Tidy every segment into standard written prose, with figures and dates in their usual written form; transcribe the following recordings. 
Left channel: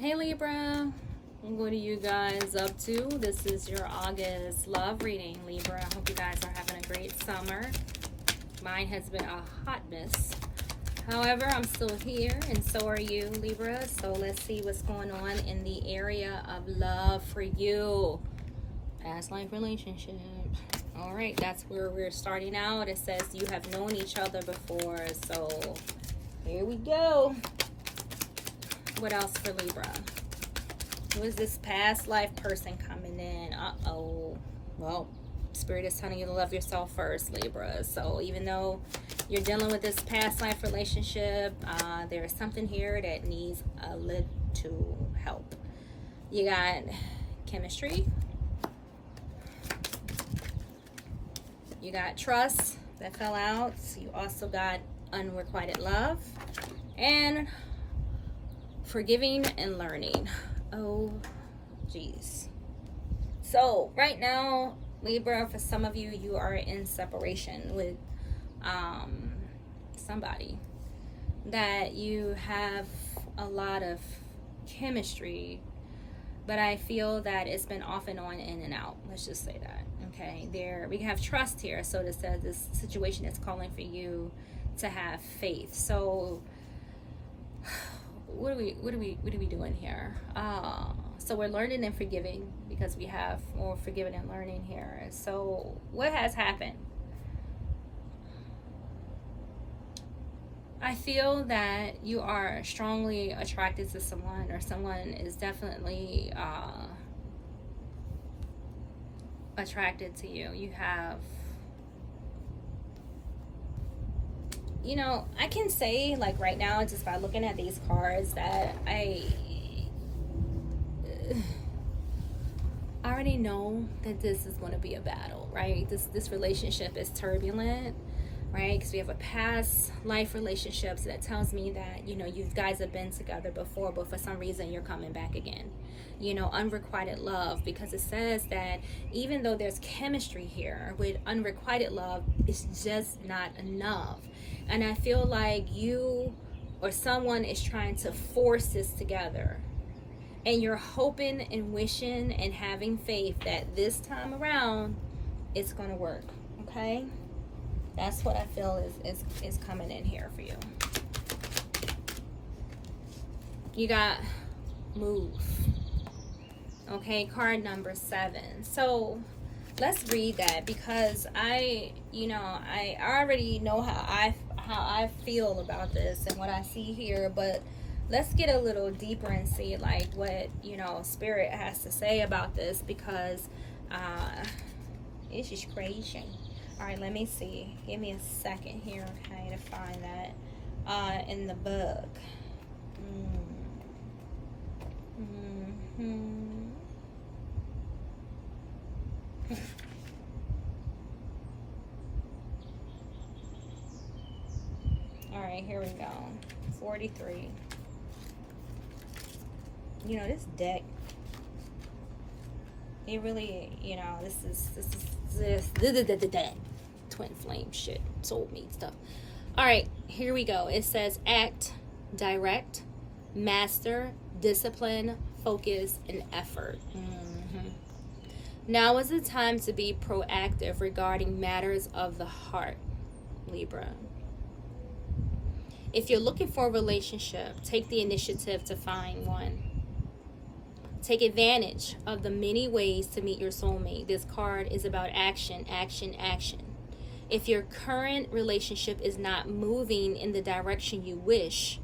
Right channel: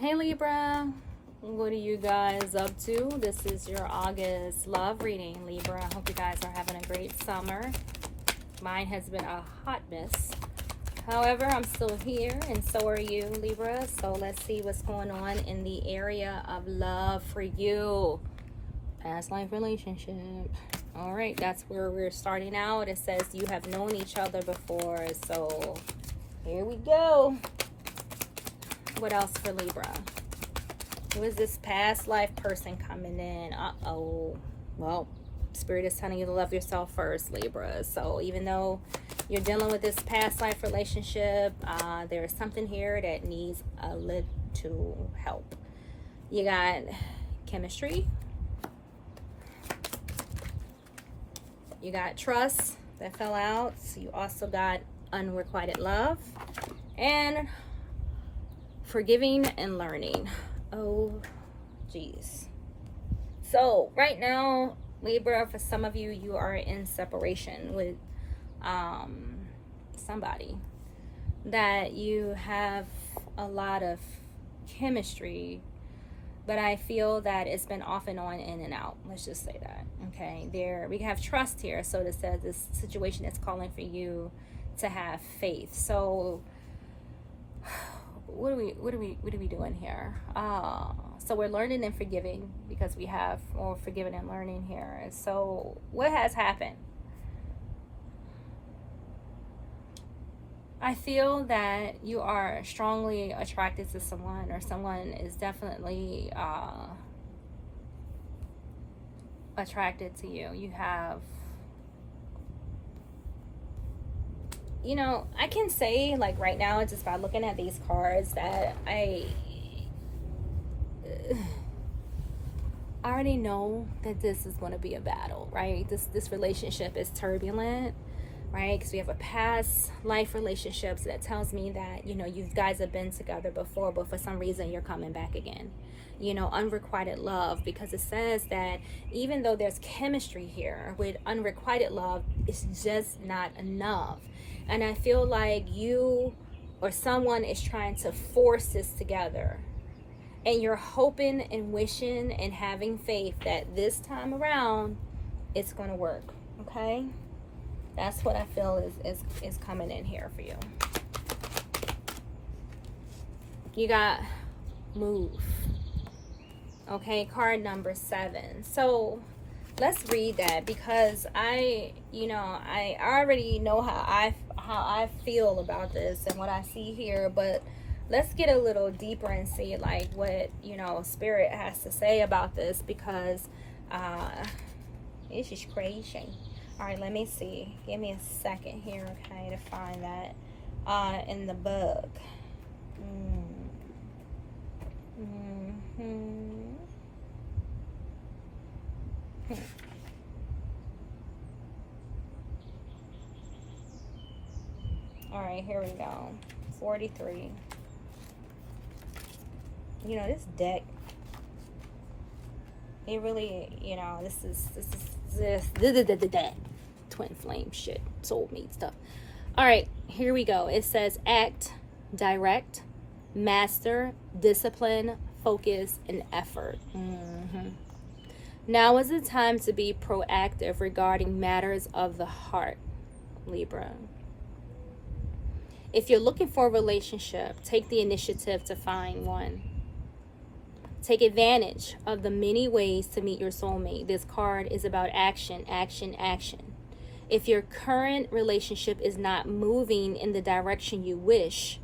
Hey Libra, what are you guys up to? This is your August love reading, Libra. I hope you guys are having a great summer. Mine has been a hot mess. However, I'm still here, and so are you, Libra. So let's see what's going on in the area of love for you. Past life relationship. All right, that's where we're starting out. It says you have known each other before. So here we go. What else for Libra? Who is this past life person coming in? Uh-oh. Well, Spirit is telling you to love yourself first, Libra. So even though you're dealing with this past life relationship, there is something here that needs a little help. You got chemistry. You got trust that fell out. You also got unrequited love. And forgiving and learning. Oh, geez. So right now, Libra, for some of you, you are in separation with somebody that you have a lot of chemistry, but I feel that it's been off and on, in and out. Let's just say that. Okay, there we have trust here. So it says this situation is calling for you to have faith. So what are we doing here? So we're learning and forgiving because we have more forgiving and learning here. So what has happened? I feel that you are strongly attracted to someone, or someone is definitely attracted to you. You have, you know, I can say, like, right now, just by looking at these cards, that I already know that this is going to be a battle, right? This relationship is turbulent, right? Because we have a past life relationship, so that tells me that, you know, you guys have been together before, but for some reason you're coming back again. You know, unrequited love, because it says that even though there's chemistry here, with unrequited love, it's just not enough. And I feel like you or someone is trying to force this together. And you're hoping and wishing and having faith that this time around it's going to work. Okay? That's what I feel is coming in here for you. You got move. Okay, card number 7. So let's read that, because I already know how I feel about this and what I see here, but let's get a little deeper and see, like, what, you know, Spirit has to say about this, because this is crazy. All right, let me see. Give me a second here, okay, to find that in the book. All right, here we go. 43. You know, this deck, it really, you know, this is twin flame shit, soulmate stuff. All right, here we go. It says act, direct, master, discipline, focus, and effort. Now is the time to be proactive regarding matters of the heart, Libra. If you're looking for a relationship, take the initiative to find one. Take advantage of the many ways to meet your soulmate. This card is about action, action, action. If your current relationship is not moving in the direction you wish,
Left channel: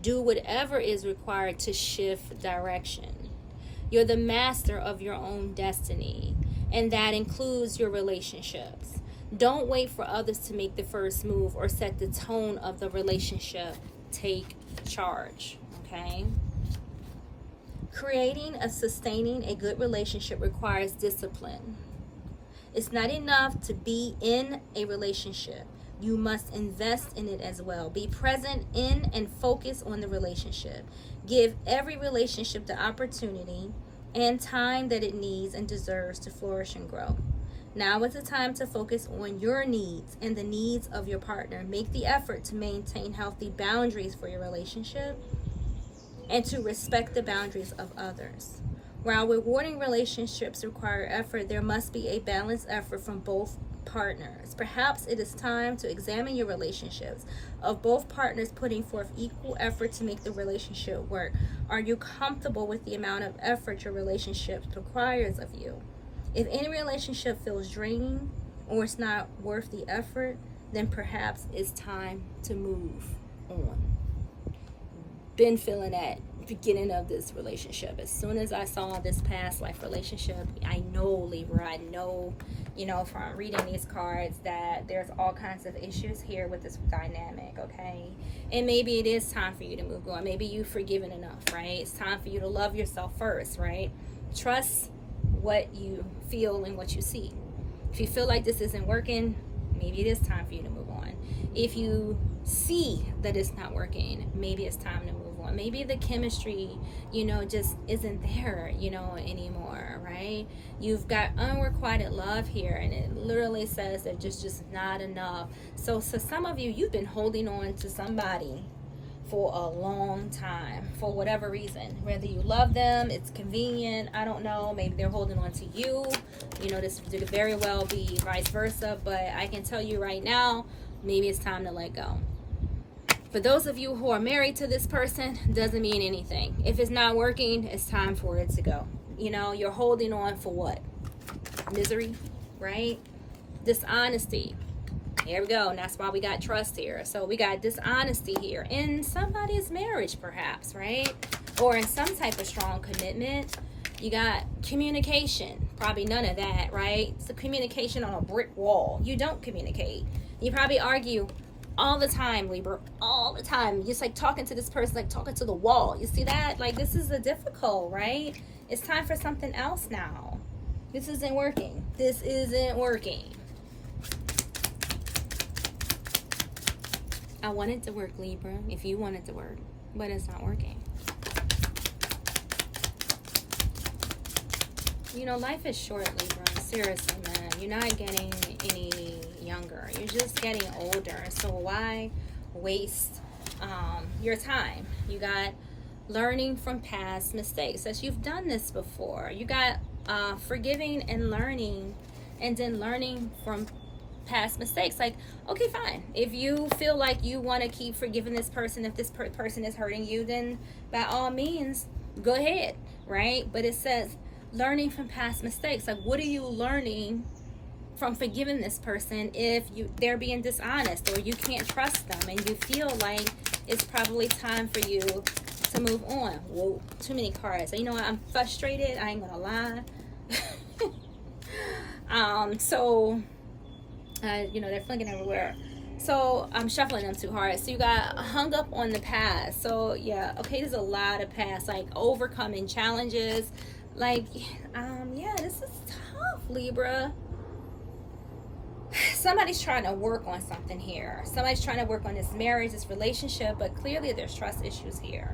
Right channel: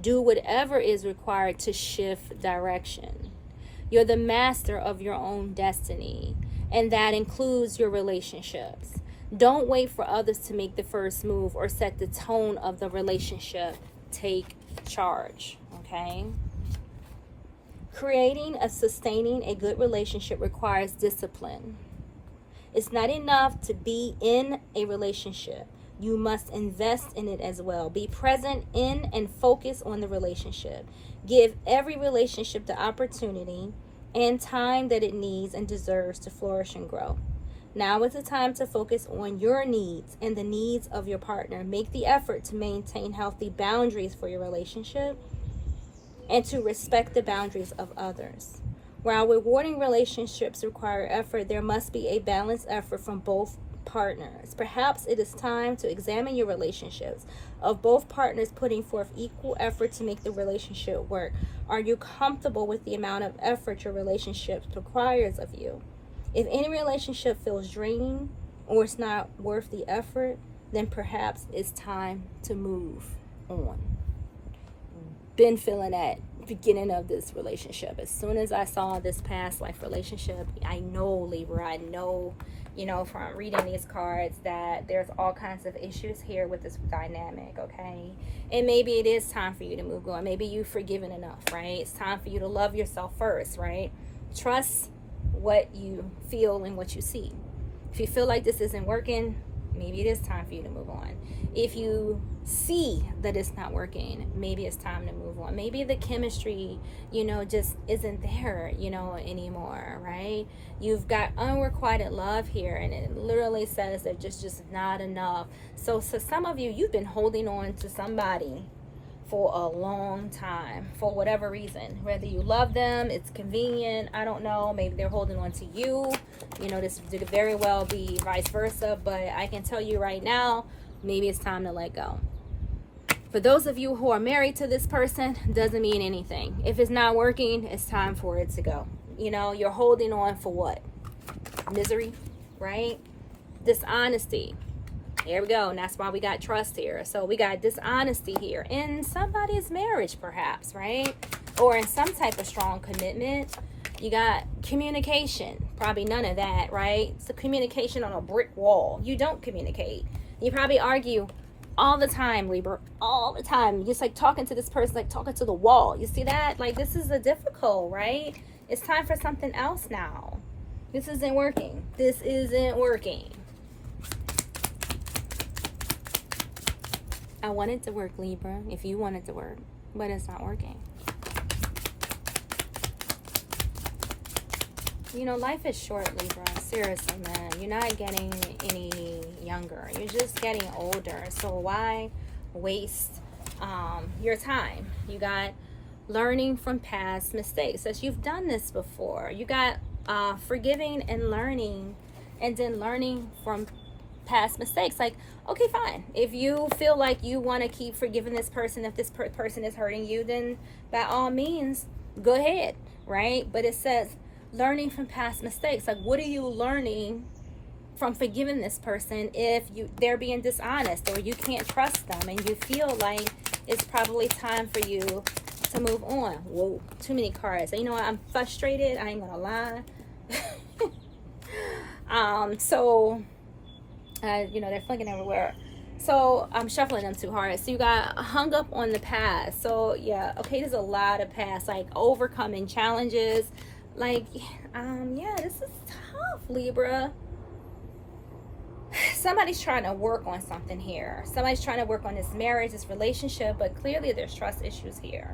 do whatever is required to shift direction. You're the master of your own destiny, and that includes your relationships. Don't wait for others to make the first move or set the tone of the relationship. Take charge, okay? Creating sustaining a good relationship requires discipline. It's not enough to be in a relationship. You must invest in it as well. Be present in and focus on the relationship. Give every relationship the opportunity and time that it needs and deserves to flourish and grow. Now is the time to focus on your needs and the needs of your partner. Make the effort to maintain healthy boundaries for your relationship. and to respect the boundaries of others. While rewarding relationships require effort, there must be a balanced effort from both partners. Perhaps it is time to examine your relationships, of both partners putting forth equal effort to make the relationship work. Are you comfortable with the amount of effort your relationship requires of you? If any relationship feels draining or it's not worth the effort, then perhaps it's time to move on. Been feeling that beginning of this relationship. As soon as I saw this past life relationship, I know, Libra, I know, from reading these cards, that there's all kinds of issues here with this dynamic, okay? And maybe it is time for you to move on. Maybe you've forgiven enough, right? It's time for you to love yourself first, right? Trust what you feel and what you see. If you feel like this isn't working, maybe it is time for you to move on. If you see that it's not working, maybe it's time to move on. Maybe the chemistry, just isn't there, anymore, right? You've got unrequited love here, and it literally says that just not enough. So some of you, you've been holding on to somebody for a long time, for whatever reason. Whether you love them, it's convenient, I don't know, maybe they're holding on to you. This could very well be vice versa, but I can tell you right now, maybe it's time to let go. For those of you who are married to this person, doesn't mean anything. If it's not working, it's time for it to go. You're holding on for what? Misery, right? Dishonesty. Here we go. And that's why we got trust here. So we got dishonesty here in somebody's marriage, perhaps, right? Or in some type of strong commitment. You got communication. Probably none of that, right? It's the communication on a brick wall. You don't communicate. You probably argue all the time, Libra. All the time. Just like talking to this person, like talking to the wall. You see that? Like, this is a difficult, right? It's time for something else now. This isn't working. This isn't working. I want it to work, Libra, if you want it to work, but it's not working. Life is short, Libra. Seriously, man. You're not getting any younger. You're just getting older. So why waste your time? You got learning from past mistakes. As you've done this before. You got forgiving and learning, and then learning from past mistakes. Like, okay, fine. If you feel like you want to keep forgiving this person, if this person is hurting you, then by all means, go ahead, right? But it says learning from past mistakes. Like, what are you learning from forgiving this person if they're being dishonest, or you can't trust them, and you feel like it's probably time for you to move on? Whoa, too many cards. I'm frustrated. I ain't gonna lie. They're flinging everywhere. So I'm shuffling them too hard. So you got hung up on the past. So yeah, okay, there's a lot of past, like overcoming challenges. Like, yeah, this is tough, Libra. Somebody's trying to work on something here. Somebody's trying to work on this marriage, this relationship, but clearly there's trust issues here.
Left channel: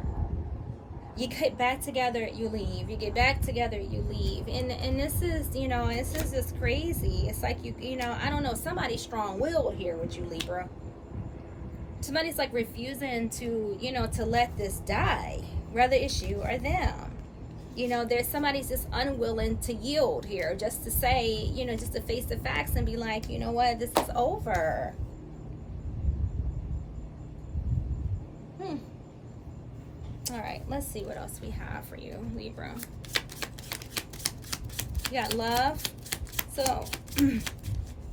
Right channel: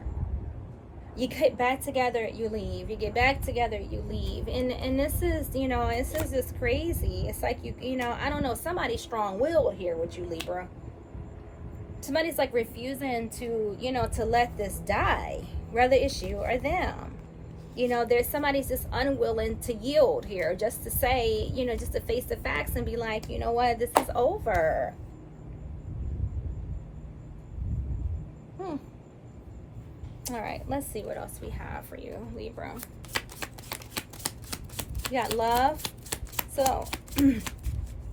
You get back together, you leave. You get back together, you leave. And this is, this is just crazy. It's like I don't know, somebody's strong-willed here with you, Libra. Somebody's like refusing to, to let this die, whether it's you or them. There's somebody's just unwilling to yield here, just to say, just to face the facts and be like, you know what, this is over. All right, let's see what else we have for you, Libra. You got love. So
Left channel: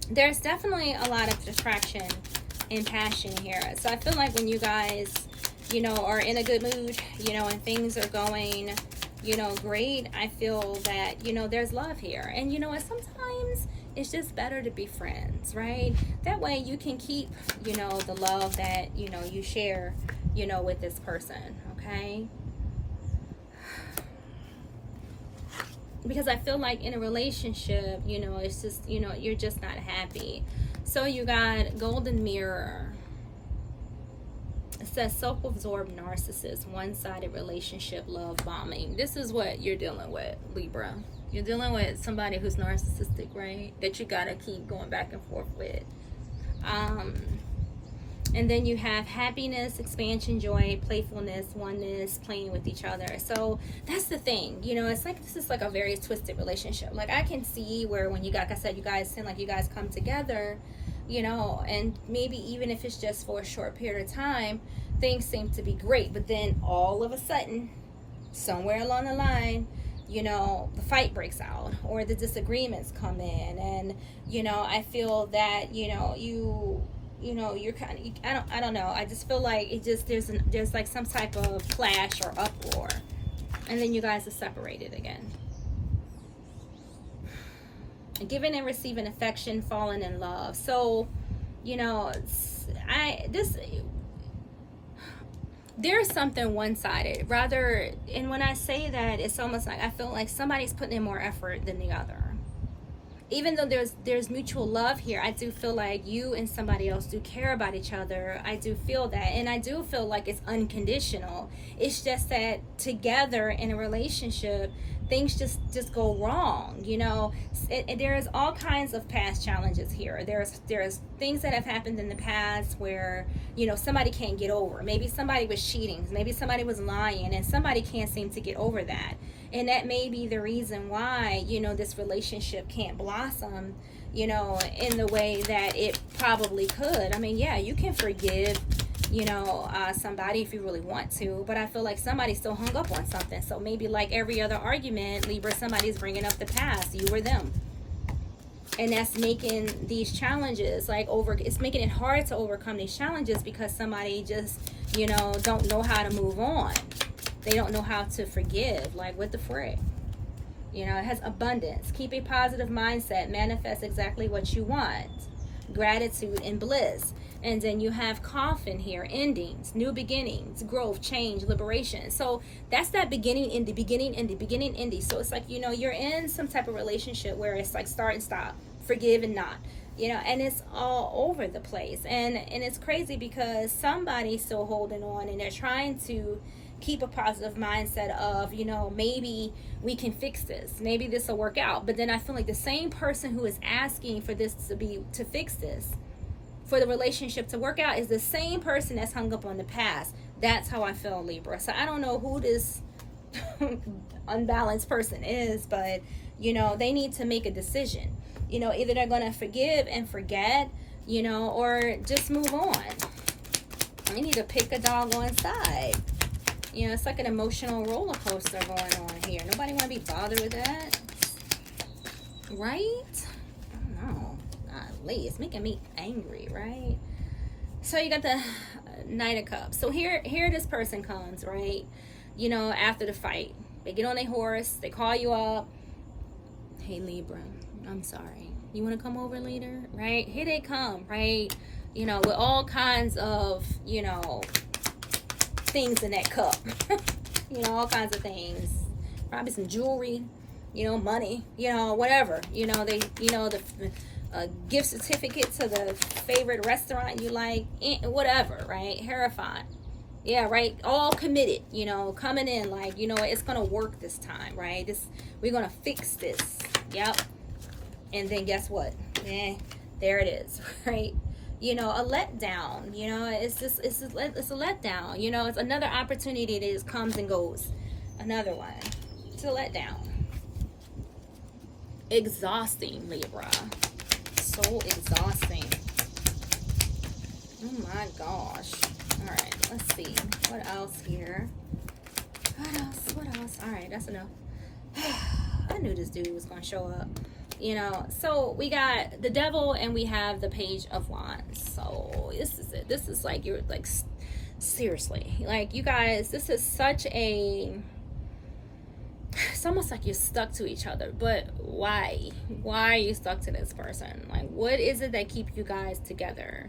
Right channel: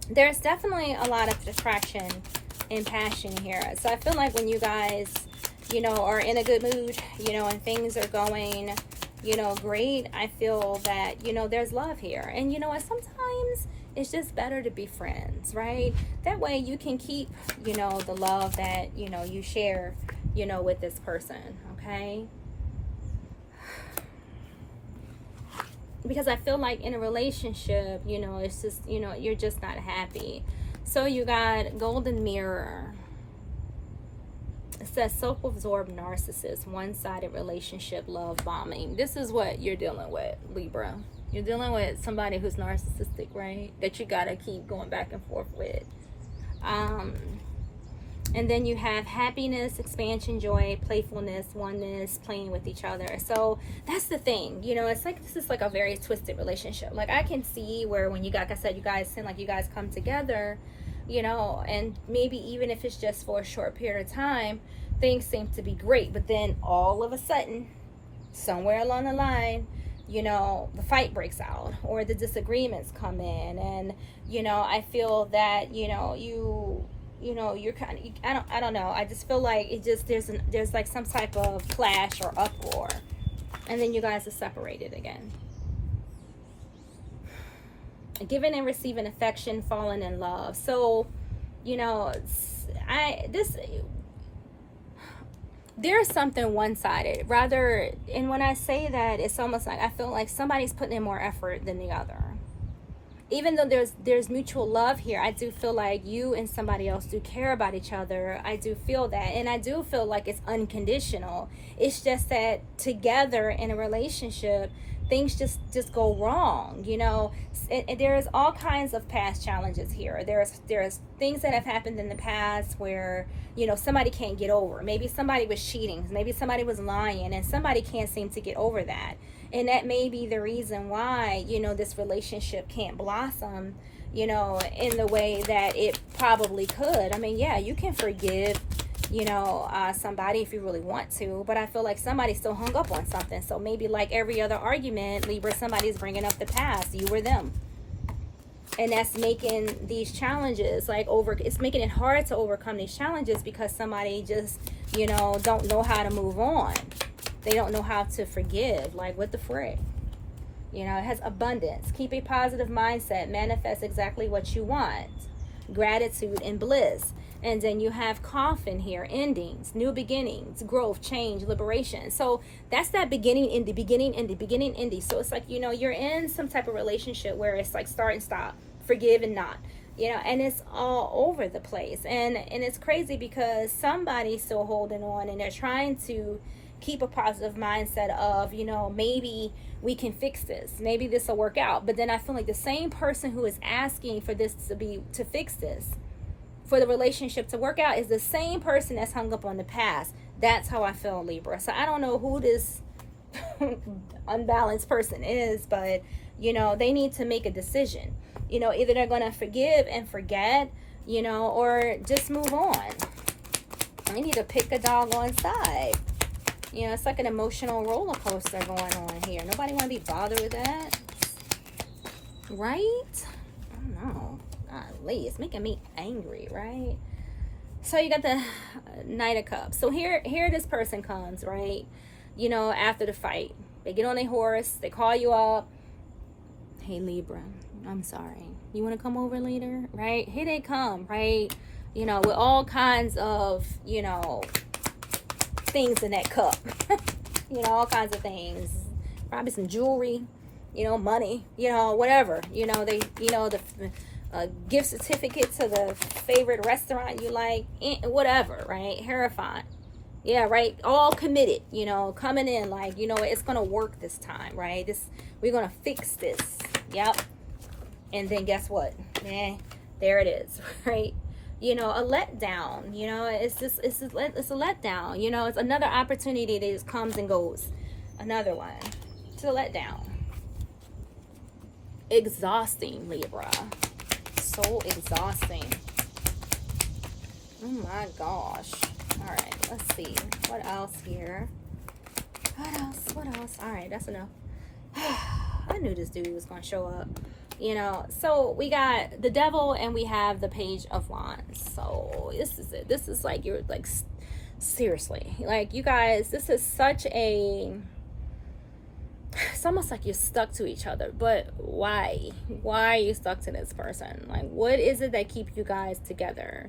there's definitely a lot of attraction and passion here. So I feel like when you guys, are in a good mood, and things are going, great, I feel that, there's love here. And sometimes it's just better to be friends, right? That way you can keep, the love that, you share, with this person, okay? Because I feel like in a relationship, it's just, you're just not happy. So you got golden mirror. It says self-absorbed narcissist, one-sided relationship, love bombing. This is what you're dealing with, Libra. You're dealing with somebody who's narcissistic, right? That you gotta keep going back and forth with. And then you have happiness, expansion, joy, playfulness, oneness, playing with each other. So that's the thing, you know, it's like, this is like a very twisted relationship. Like I can see where when you got, like I said, you guys seem like you guys come together, you know, and maybe even if it's just for a short period of time, things seem to be great. But then all of a sudden, somewhere along the line, you know, the fight breaks out or the disagreements come in. And, you know, I feel that, you know, you're kind of, I don't know. I just feel like it just, there's like some type of clash or uproar. And then you guys are separated again. Giving and receiving affection, falling in love. So, you know, there's something one-sided. Rather, and when I say that, it's almost like I feel like somebody's putting in more effort than the other. Even though there's mutual love here, I do feel like you and somebody else do care about each other. I do feel that. And I do feel like it's unconditional. It's just that together in a relationship, things just go wrong, you know. There's all kinds of past challenges here. There's things that have happened in the past where, you know, somebody can't get over. Maybe somebody was cheating. Maybe somebody was lying, and somebody can't seem to get over that. And that may be the reason why, you know, this relationship can't blossom, you know, in the way that it probably could. I mean, yeah, you can forgive, you know, somebody if you really want to, but I feel like somebody's still hung up on something. So maybe like every other argument, Libra, somebody's bringing up the past, you or them. And that's making these challenges it's making it hard to overcome these challenges because somebody just, you know, don't know how to move on. They don't know how to forgive. Like, what the frick? You know, it has abundance. Keep a positive mindset. Manifest exactly what you want. Gratitude and bliss. And then you have coffin here. Endings, new beginnings, growth, change, liberation. So that's that beginning, ending, beginning, ending, beginning, ending. So it's like, you know, you're in some type of relationship where it's like start and stop, forgive and not. You know, and it's all over the place. And it's crazy because somebody's still holding on and they're trying to keep a positive mindset of, you know, maybe we can fix this, maybe this will work out. But then I feel like the same person who is asking for this to fix this, for the relationship to work out, is the same person that's hung up on the past. That's how I feel, Libra. So I don't know who this unbalanced person is, but, you know, they need to make a decision. You know, either they're going to forgive and forget, you know, or just move on. They need to pick a doggone side. You know, it's like an emotional roller coaster going on here. Nobody want to be bothered with that. Right? I don't know. Golly, it's making me angry, right? So you got the Knight of Cups. So here this person comes, right? You know, after the fight. They get on their horse. They call you up. Hey, Libra, I'm sorry. You want to come over later? Right? Here they come, right? You know, with all kinds of, you know, things in that cup. You know, all kinds of things. Probably some jewelry, you know, money, you know, whatever. You know, they, you know, the gift certificate to the favorite restaurant you like, whatever, right? Terrifying. Yeah, right. All committed, you know, coming in like, you know, it's gonna work this time, right? We're gonna fix this. Yep. And then guess what? There it is, right? You know, a letdown. You know, it's a letdown. You know, it's another opportunity that just comes and goes. Another one. It's a letdown. Exhausting, Libra. So exhausting. Oh my gosh. All right, let's see. What else here? What else? All right, that's enough. I knew this dude was going to show up. You know, so we got the Devil and we have the Page of Wands. So this is it. This is like, you're like, seriously, like, you guys, this is such a, it's almost like you're stuck to each other. But why are you stuck to this person? Like, what is it that keeps you guys together?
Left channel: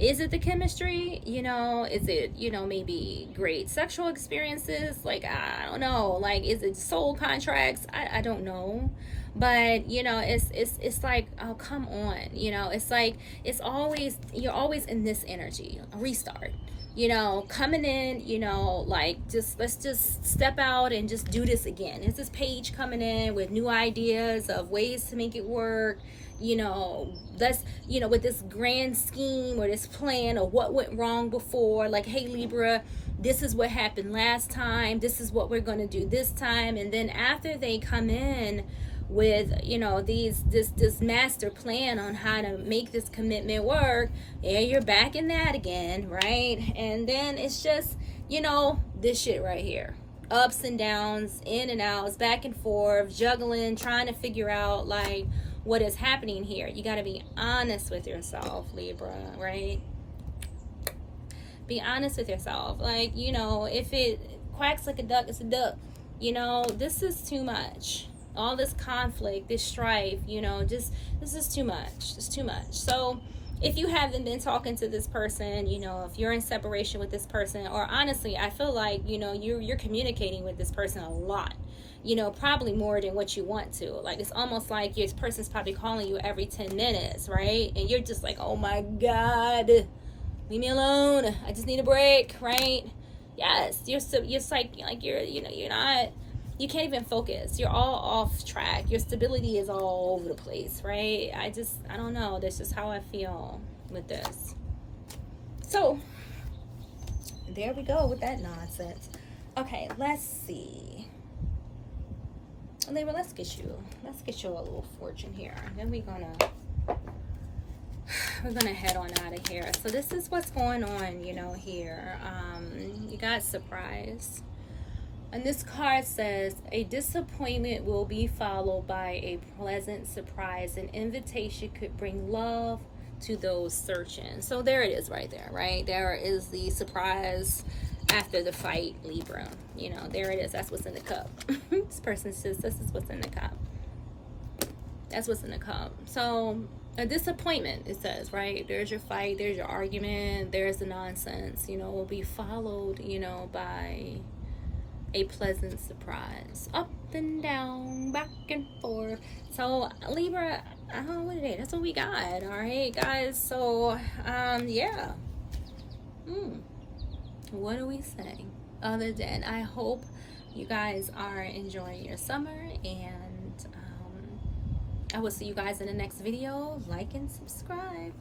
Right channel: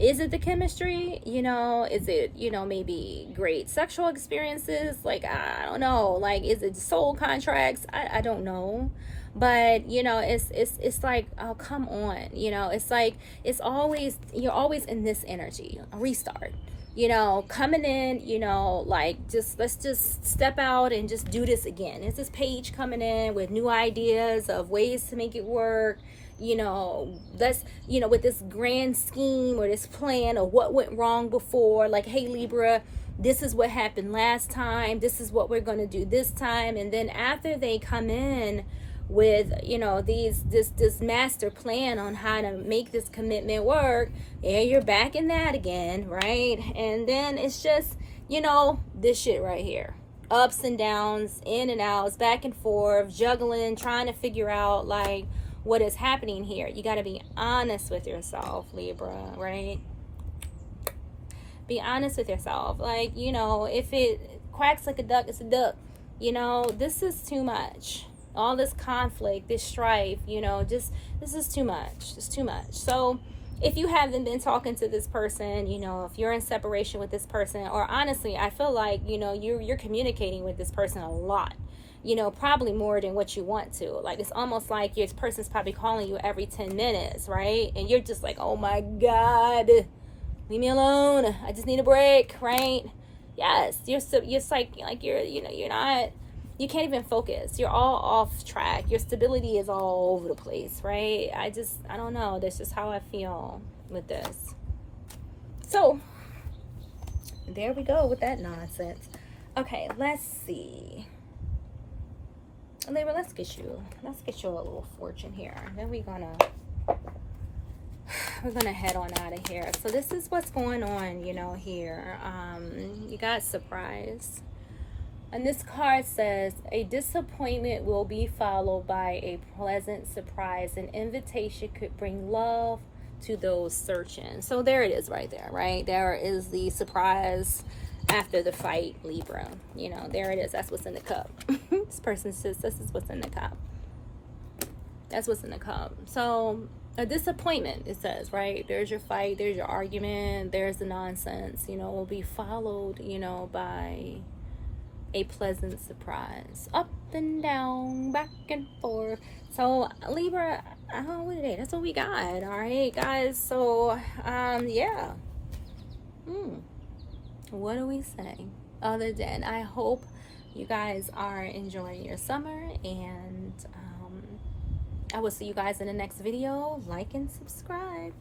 Is it the chemistry? You know, is it, you know, maybe great sexual experiences? Like, I don't know. Like, is it soul contracts? I don't know. But, you know, it's like, oh, come on. You know, it's like, you're always in this energy, a restart, you know, coming in, you know, like, let's just step out and just do this again. It's this Page coming in with new ideas of ways to make it work, you know, let's, you know, with this grand scheme or this plan or what went wrong before, like, hey, Libra, this is what happened last time, this is what we're going to do this time. And then after they come in with, you know, this master plan on how to make this commitment work, and you're back in that again, right? And then it's just, you know, this shit right here, ups and downs, in and outs, back and forth, juggling, trying to figure out like what is happening here. You got to be honest with yourself, Libra, right? Be honest with yourself. Like, you know, if it quacks like a duck, it's a duck. You know, this is too much. All this conflict, this strife, you know, just, this is too much. It's too much. So if you haven't been talking to this person, you know, if you're in separation with this person, or honestly, I feel like, you know, you're communicating with this person a lot, you know, probably more than what you want to. Like, it's almost like this person's probably calling you every 10 minutes, right? And you're just like, oh my God, leave me alone. I just need a break, right? Yes, you're like you're, you know, you're not, you can't even focus. You're all off track. Your stability is all over the place, right? I don't know. That's just how I feel with this. So, there we go with that nonsense. Okay, let's see. Libra, let's get you a little fortune here. And then we're gonna head on out of here. So this is what's going on, you know, here. You got surprise. And this card says, a disappointment will be followed by a pleasant surprise. An invitation could bring love to those searching. So there it is right there, right? There is the surprise after the fight, Libra. You know, there it is. That's what's in the cup. This person says, this is what's in the cup. That's what's in the cup. So a disappointment, it says, right? There's your fight, there's your argument, there's the nonsense, you know, will be followed, you know, by a pleasant surprise. Up and down, back and forth. So Libra, what is it? That's what we got. All right, guys. So yeah. What do we say other than I hope you guys are enjoying your summer, and I will see you guys in the next video. Like and subscribe.